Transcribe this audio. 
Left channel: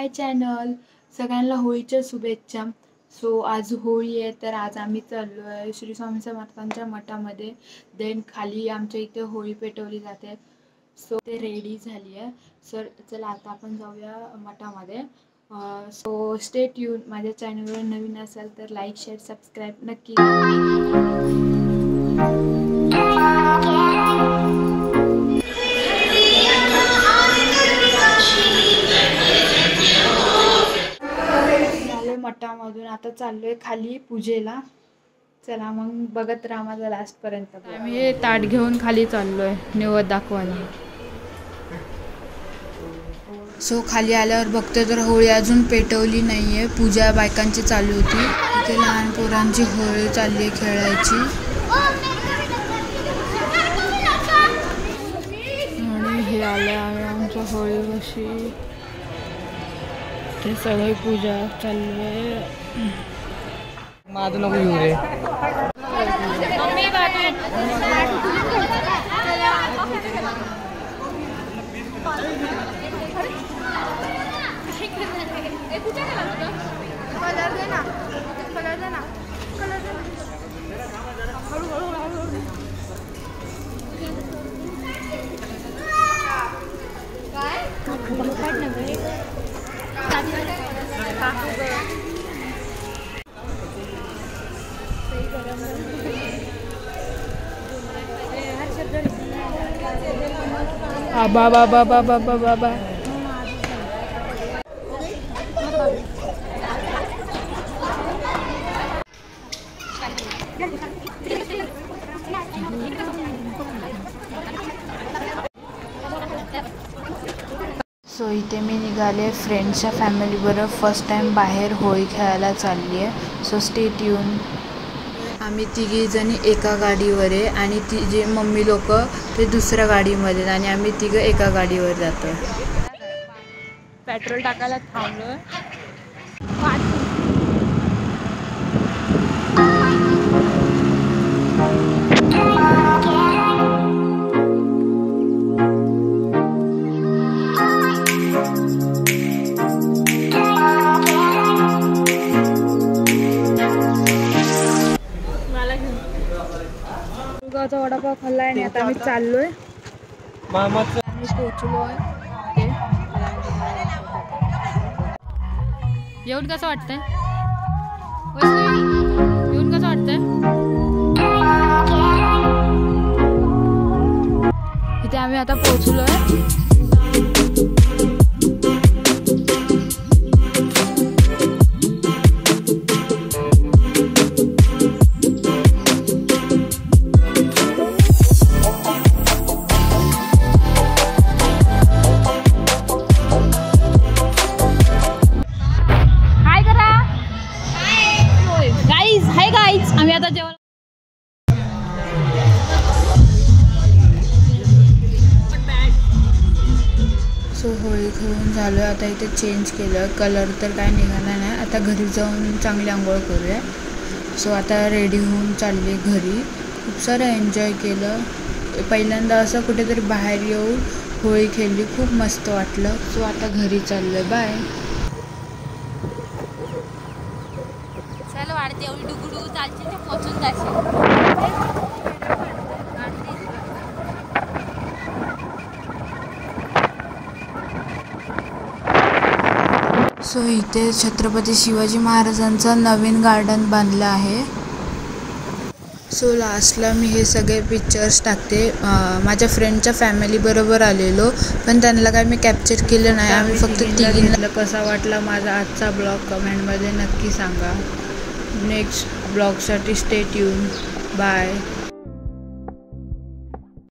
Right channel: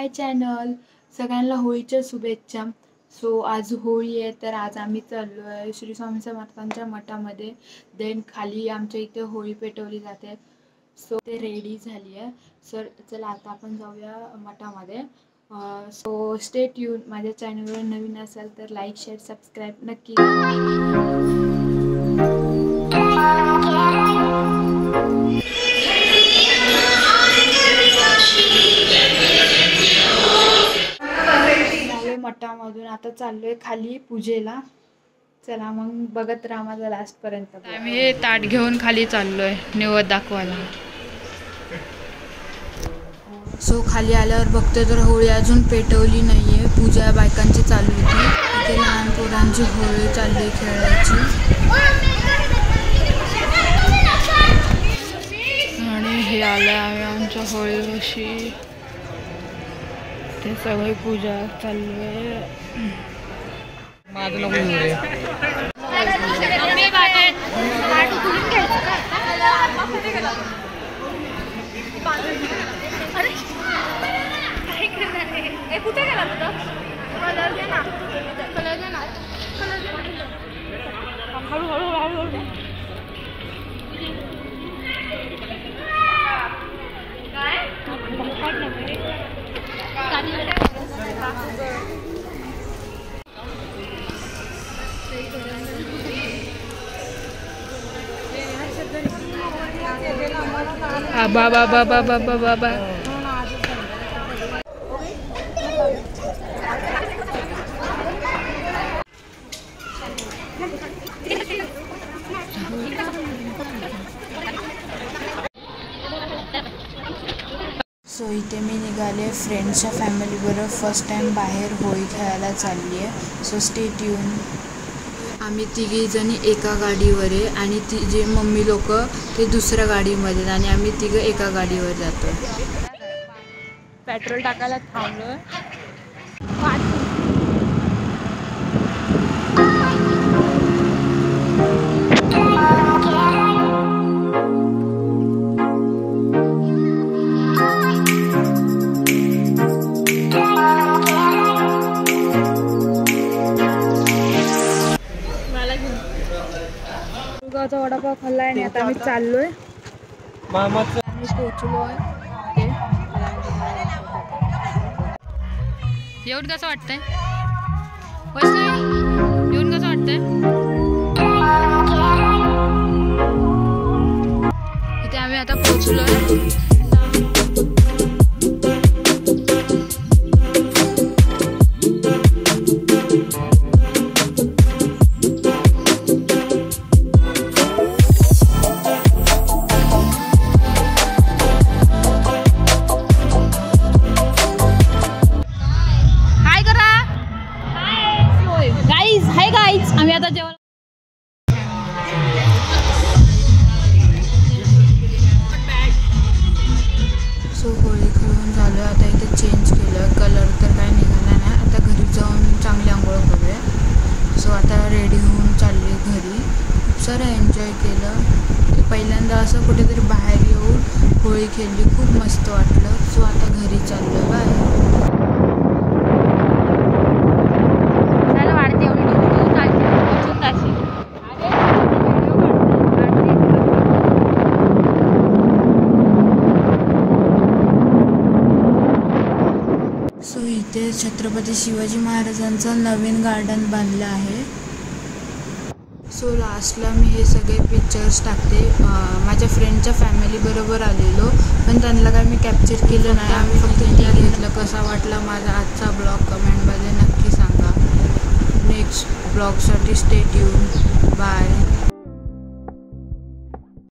माय channel. सगळ्यांना होळीच्या शुभेच्छा. सो आज होळी आहे, तर आज आम्ही चाललो आहे श्री स्वामी समर्थांच्या मठामध्ये. देन खाली आमच्या इथे होळी पेटवली जाते. सो ते रेडी झाली आहे. सर चला आता आपण जाऊया मठामध्ये. So stay tune. माझ्या चॅनलवर नवीन असाल तर लाईक शेअर सबस्क्राईब नक्की मठामधून आता चाललोय खाली पूजेला. चला मग बघत राहा माझा लास्ट पर्यंत. आम्ही हे ताट घेऊन खाली चाललोय निवद दाखवायला. सो खाली आल्यावर बघते तर होळी अजून पेटवली नाहीये. पूजा बायकांची चालू होती. इथे लहान पोरांची होळी चालली आहे खेळायची. आणि हे आले आहे आमच्या होळी कशी. ते सगळी पूजा चालू आहे. बाबा बाबा बाबा बाबा. सो इथे मी निघाले फ्रेंड्सच्या फॅमिलीबरोबर. फर्स्ट टाइम बाहेर होळी खेळायला चालली आहे. So stay tune. आम्ही तिघी जणी एका गाडीवर आहे आणि ती जे मम्मी लोक ते दुसऱ्या गाडीमध्ये आणि आम्ही तिघं एका गाडीवर जातोय. पेट्रोल टाकायला थांबलोय. गावचा वडापाव खाल्ला आणि आता आम्ही चाललोय. आम्ही पोचलोय. येऊन कसं वाटतंय? येऊन कसं वाटतंय? इथे आम्ही आता पोचलोय. आम्ही आता जेवण. सो होळी खेळून झालं. आता इथे चेंज केलं. कलर तर काय निघाला नाही. आता घरी जाऊन चांगली आंघोळ करूया. सो आता रेडी होऊन चालली घरी. खूप सारं एन्जॉय केलं. पहिल्यांदा असं कुठेतरी बाहेर येऊन होळी खेळली. खूप मस्त वाटलं. सो आता घरी चाललं. बाय. सो इथे छत्रपती शिवाजी महाराजांचं नवीन गार्डन बांधलं आहे. सो लास्टला मी हे सगळे पिक्चर्स टाकते. माझ्या फ्रेंडच्या फॅमिलीबरोबर आलेलो, पण त्यांना काय मी कॅप्चर केलं नाही. आम्ही फक्त तिघींना. कसा वाटला माझा आजचा ब्लॉग कमेंटमध्ये नक्की सांगा. नेक्स्ट ब्लॉगसाठी स्टे ट्यून. बाय.